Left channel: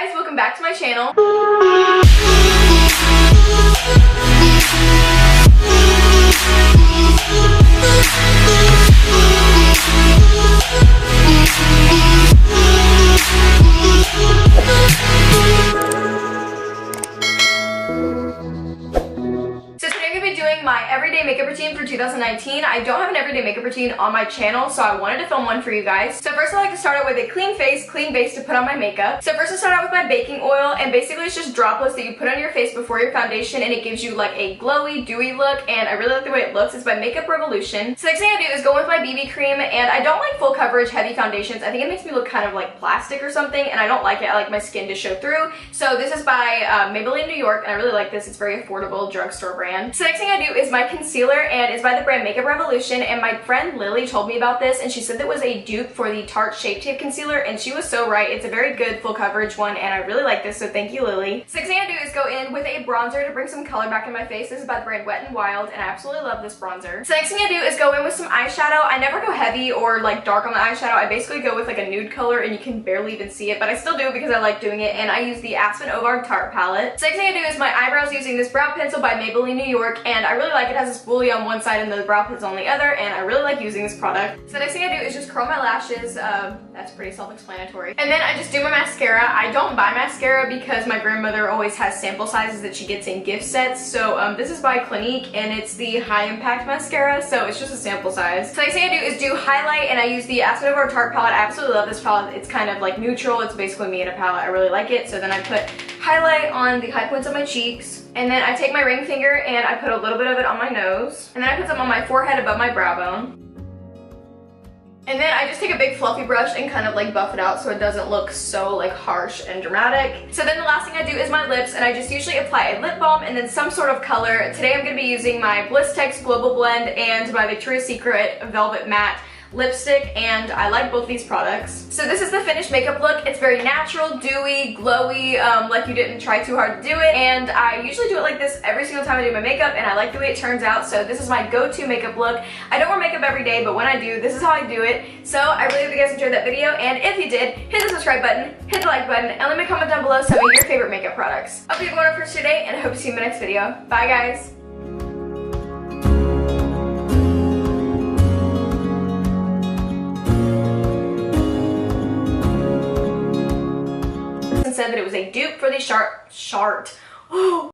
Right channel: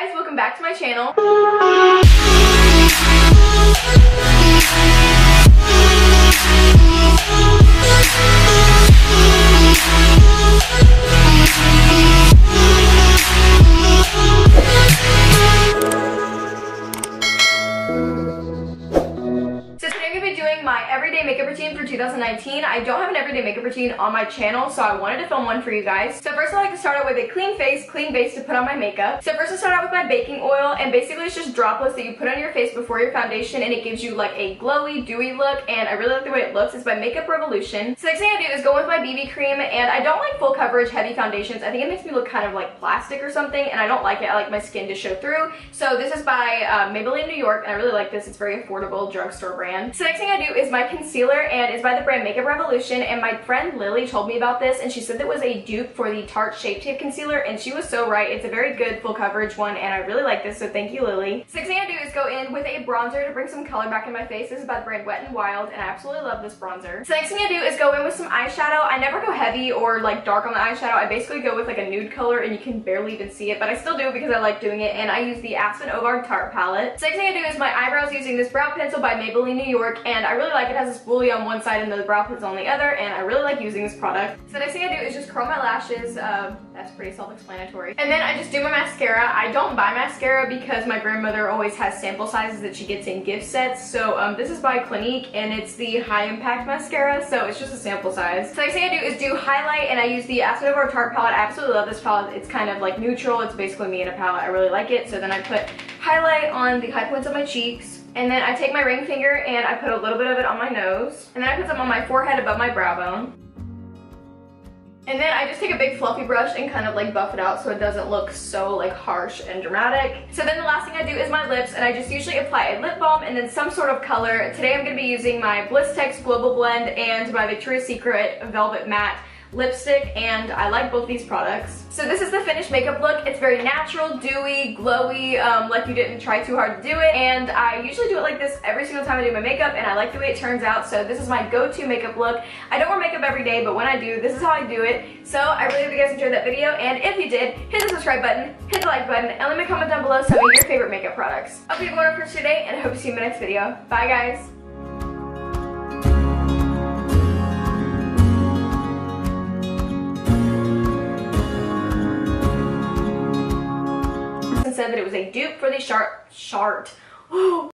guys, welcome back to my channel. My everyday makeup routine for 2019. I don't have an everyday makeup routine on my channel, so I wanted to film one for you guys. So first I like to start out with a clean face, clean base to put on my makeup. So first I start out with my baking oil, and basically it's just droplets that you put on your face before your foundation, and it gives you like a glowy, dewy look, and I really like the way it looks. It's by Makeup Revolution. So next thing I do is go with my BB cream, and I don't like full coverage heavy foundations. I think it makes me look kind of like plastic or something, and I don't like it. I like my skin to show through. So this is by Maybelline New York, and I really like this. It's very affordable drugstore brand. So next thing I do is my concealer, and it's by the brand Makeup Revolution, and my friend Lily told me about this, and she said that was a dupe for the Tarte Shape Tape concealer, and she was so right. It's a very good full coverage one, and I really like this, so thank you, Lily. So next thing I do is go in with a bronzer to bring some color back in my face. This is by the brand Wet n Wild, and I absolutely love this bronzer. So next thing I do is go in with some eyeshadow. I never go heavy or like dark on the eyeshadow. I basically go with like a nude color, and you can barely even see it, but I still do because I like doing it, and I use the Aspen Ovard Tarte palette. So next thing I do is my eyebrows using this brow pencil by Maybelline New York, and I really like it. It has this spoolie on one side and the brow pencil on the other, and I really like using this product. So the next thing I do is just curl my lashes. That's pretty self-explanatory. And then I just do my mascara. I don't buy mascara because my grandmother always has sample sizes that she gets in gift sets. So this is by Clinique, and it's the High Impact Mascara, so it's just a sample size. So the next thing I do is do highlight, and I use the Aspen Ovard Tarte palette. I absolutely love this palette. It's kind of like neutral. It's basically me in a palette. I really like it. So then I put highlight on the high points of my cheeks, and then I take my ring finger and I put a little bit of it on my nose, and then I put some on my forehead above my brow bone. And then I just take a big fluffy brush and kind of like buff it out so it doesn't look so like harsh and dramatic. So then the last thing I do is my lips, and I just usually apply a lip balm and then some sort of color. Today I'm going to be using my Blistex Global Blend and my Victoria's Secret Velvet Matte lipstick, and I like both these products. So this is the finished makeup look. It's very natural, dewy, glowy, like you didn't try too hard to do it, and I usually do it like this every single time I do my makeup, and I like the way it turns out. So this is my go-to makeup look. I don't wear makeup every day, but when I do, this is how I do it. So I really hope you guys enjoyed that video, and if you did, hit the subscribe button, hit the like button, and let me comment down below some of your favorite makeup products. Hope you have a wonderful rest of your day, and I hope to see you in my next video. Bye guys! Said that it was a dupe for the Shart.